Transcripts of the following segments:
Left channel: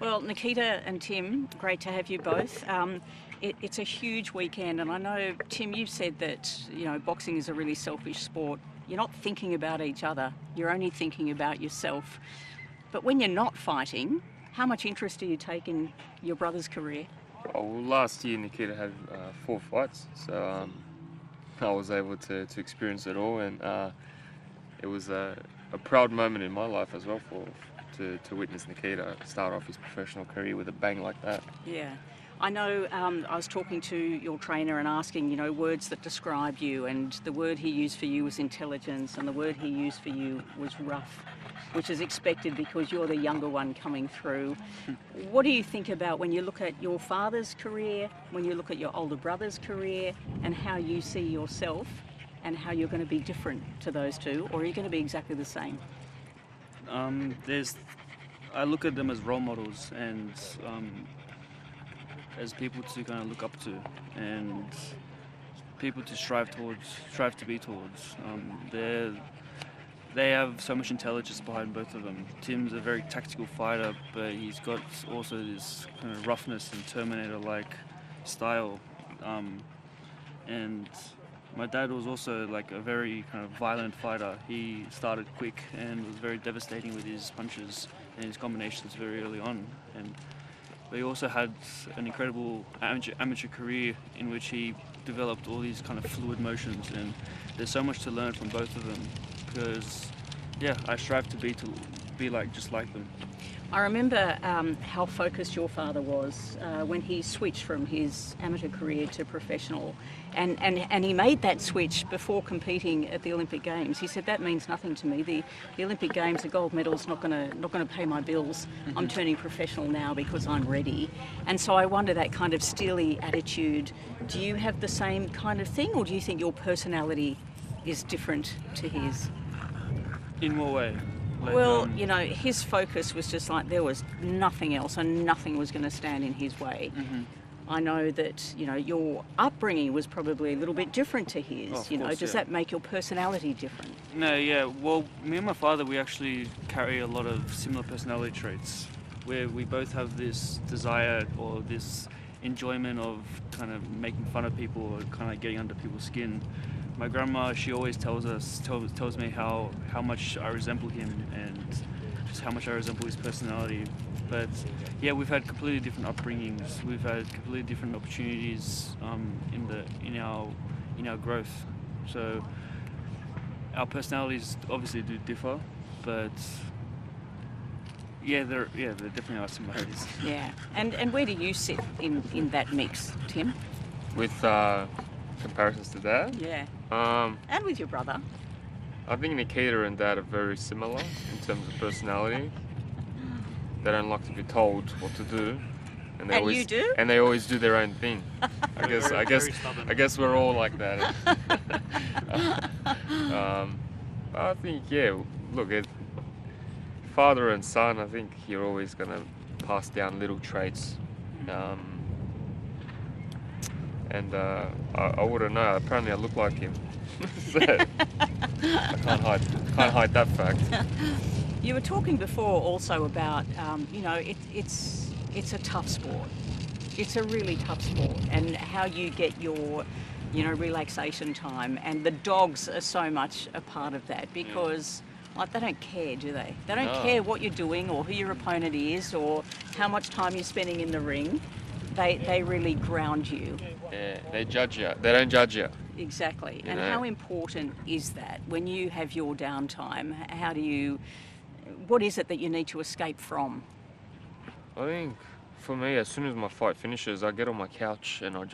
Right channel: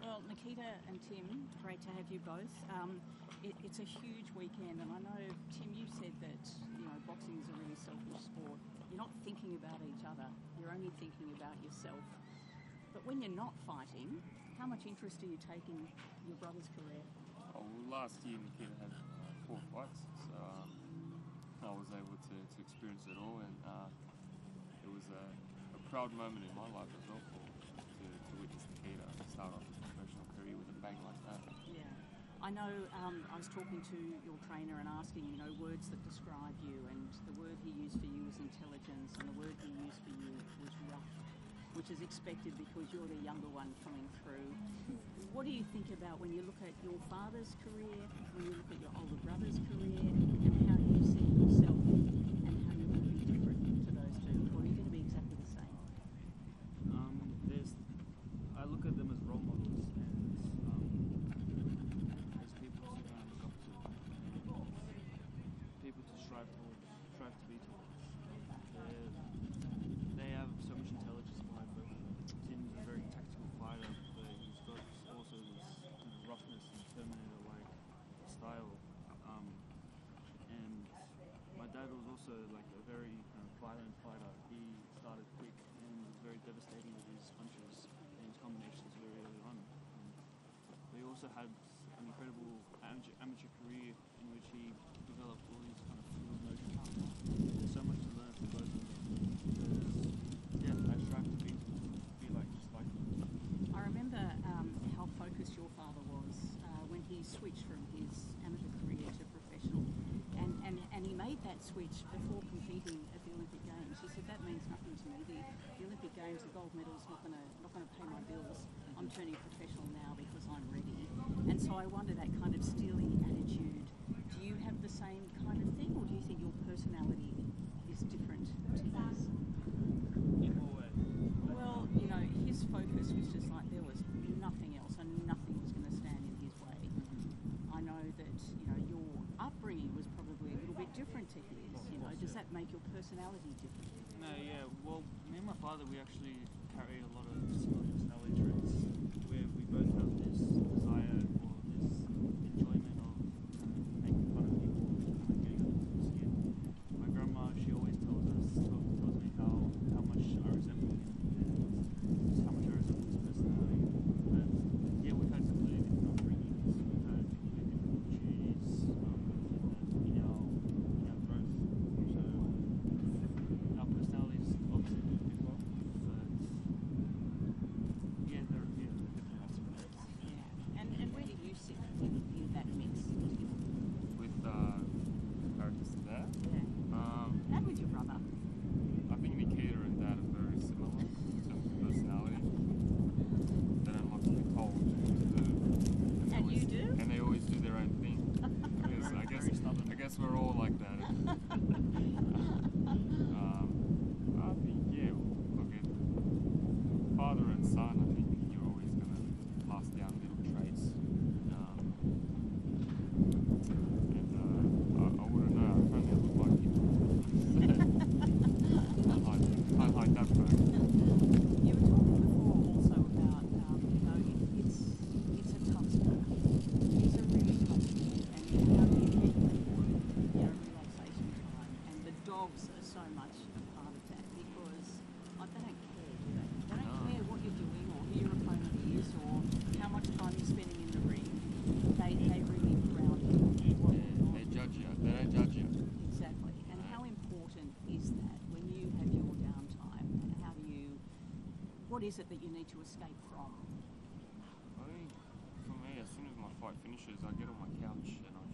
Well, Nikita and Tim, great to have you both. It's a huge weekend, and I know, Tim, you've said that boxing is a really selfish sport. You're not thinking about each other; you're only thinking about yourself. But when you're not fighting, how much interest do you take in your brother's career? Oh, well, last year Nikita had 4 fights, so I was able to experience it all, and it was a proud moment in my life as well to witness Nikita start off his professional career with a bang like that. Yeah. I know I was talking to your trainer and asking, words that describe you, and the word he used for you was intelligence, and the word he used for you was rough, which is expected because you're the younger one coming through. What do you think about when you look at your father's career, when you look at your older brother's career, and how you see yourself and how you're going to be different to those two, or are you going to be exactly the same? There's, I look at them as role models and as people to kind of look up to and people to strive to be towards. They have so much intelligence behind both of them. Tim's a very tactical fighter, but he's got also this kind of roughness and Terminator-like style. And my dad was also like a very kind of violent fighter. He started quick and was very devastating with his punches and his combinations very early on. But he also had an incredible amateur career in which he developed all these kind of fluid motions, and there's so much to learn from both of them because, yeah, I strive to be like just like them. I remember how focused your father was when he switched from his amateur career to professional, and he made that switch before competing at the Olympic Games. He said, that means nothing to me. The Olympic Games, the gold medal's not going to pay my bills. Mm-hmm. I'm turning professional now because I'm ready. And so I wonder, that kind of steely attitude, do you have the same kind of thing, or do you think your personality is different to his? In what way? Well, his focus was just like there was nothing else and nothing was going to stand in his way. Mm-hmm. I know that, your upbringing was probably a little bit different to his. Oh, of course, does that make your personality different? No, yeah. Well, me and my father, we actually carry a lot of similar personality traits where we both have this desire or this enjoyment of kind of making fun of people or kind of getting under people's skin. My grandma, she always tells me how much I resemble him and just how much I resemble his personality. But yeah, we've had completely different upbringings. We've had completely different opportunities in our growth. So our personalities obviously do differ, but there definitely are similarities. Yeah. And where do you sit in that mix, Tim? With comparisons to that, Yeah. um, And with your brother? I think Nikita and Dad are very similar in terms of personality. They don't like to be told what to do, and And you do? and they always do their own thing. Very stubborn. I guess we're all like that. I think look, father and son. I think you're always gonna pass down little traits. And I wouldn't know. Apparently, I look like him. So I can't hide that fact. You were talking before also about, it's a tough sport. It's a really tough sport, and how you get your, relaxation time. And the dogs are so much a part of that because like, they don't care, do they? They don't No. care what you're doing or who your opponent is or how much time you're spending in the ring. They really ground you. Yeah, they judge you. They don't judge you. Exactly. You And know. how important is that when you have your downtime? What is it that you need to escape from? I think for me, as soon as my fight finishes, I get on my couch and I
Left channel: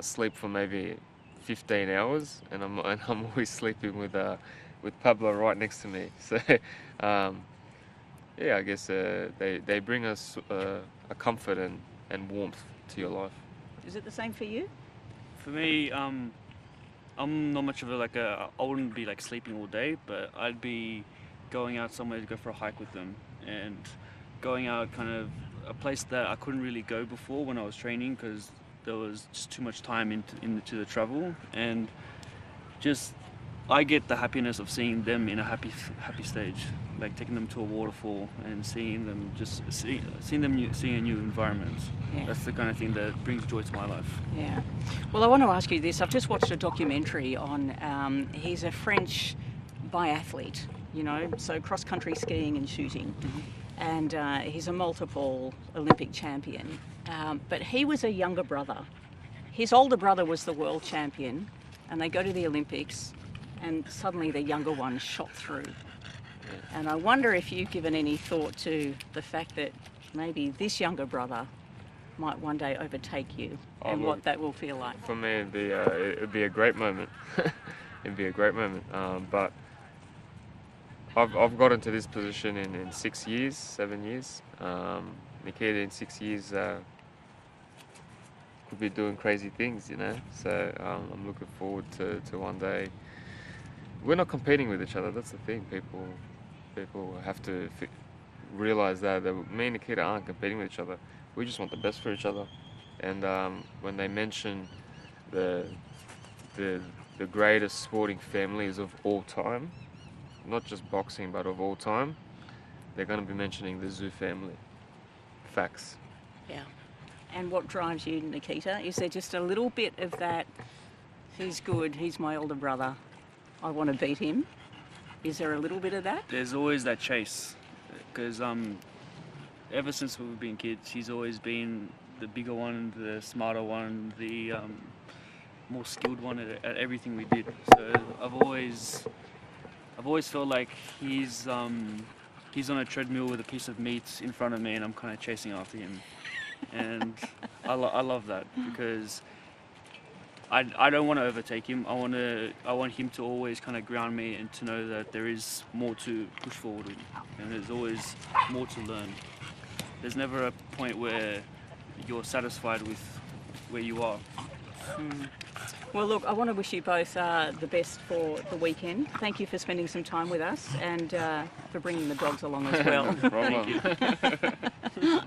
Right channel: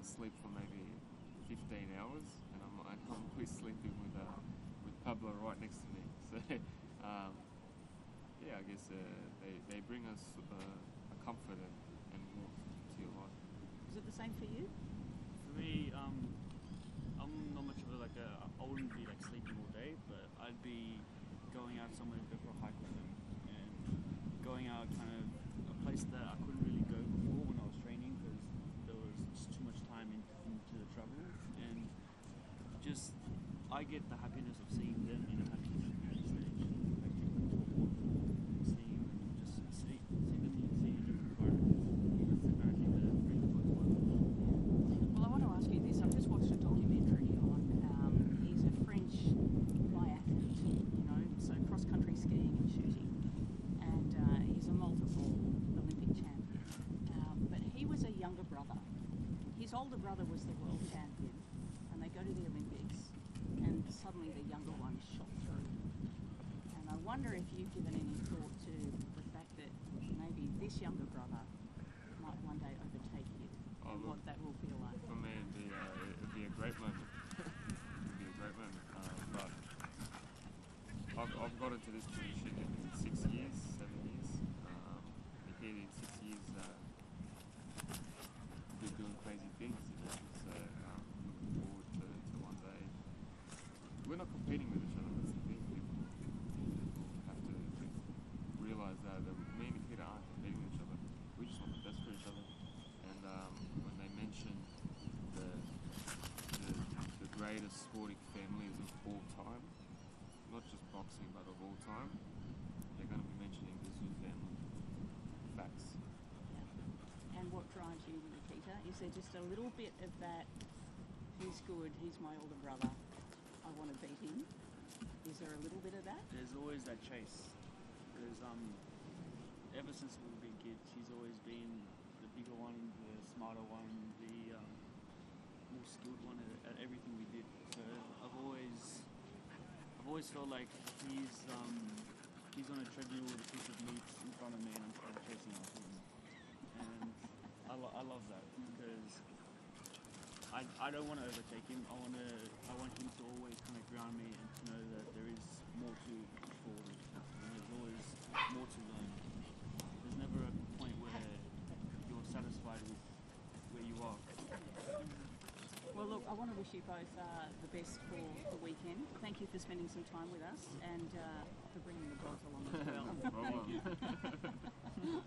sleep for maybe 15 hours, and I'm always sleeping with Pablo right next to me. So I guess they bring us a comfort and warmth to your life. Is it the same for you? For me, I'm not much of I wouldn't be like sleeping all day, but I'd be going out somewhere to go for a hike with them and going out kind of a place that I couldn't really go before when I was training because there was just too much time into the travel, and just I get the happiness of seeing them in a happy stage. like taking them to a waterfall and seeing them seeing a new environment. Yeah. That's the kind of thing that brings joy to my life. Yeah. Well, I want to ask you this. I've just watched a documentary on, he's a French biathlete, you know, so cross-country skiing and shooting. And he's a multiple Olympic champion. But he was a younger brother. His older brother was the world champion, and they go to the Olympics, and suddenly the younger one shot through. And I wonder if you've given any thought to the fact that maybe this younger brother might one day overtake you, and what that will feel like. For me, it'd be a great moment. It'd be a great moment. But I've got into this position in 6 years, 7 years. Nikita in 6 years could be doing crazy things, you know. So I'm looking forward to one day. We're not competing with each other. That's the thing. People have to realize that me and Nikita aren't competing with each other. We just want the best for each other. And when they mention the greatest sporting families of all time, not just boxing but of all time, they're going to be mentioning the Tszyu family. Facts. Yeah. And what drives you, Nikita? Is there just a little bit of that, he's good, he's my older brother, I want to beat him? Is there a little bit of that? There's always that chase, because ever since we've been kids, he's always been the bigger one, the smarter one, the more skilled one at everything we did. So I've always felt like he's on a treadmill with a piece of meat in front of me, and I'm kind of chasing after him. And I love that, because I don't want to overtake him. I want him to always kind of ground me, and to know that there is more to push forward with, and there's always more to learn. There's never a point where you're satisfied with where you are. Well, look, I want to wish you both the best for the weekend. Thank you for spending some time with us, and for bringing the dogs along as well. No problem. Thank you.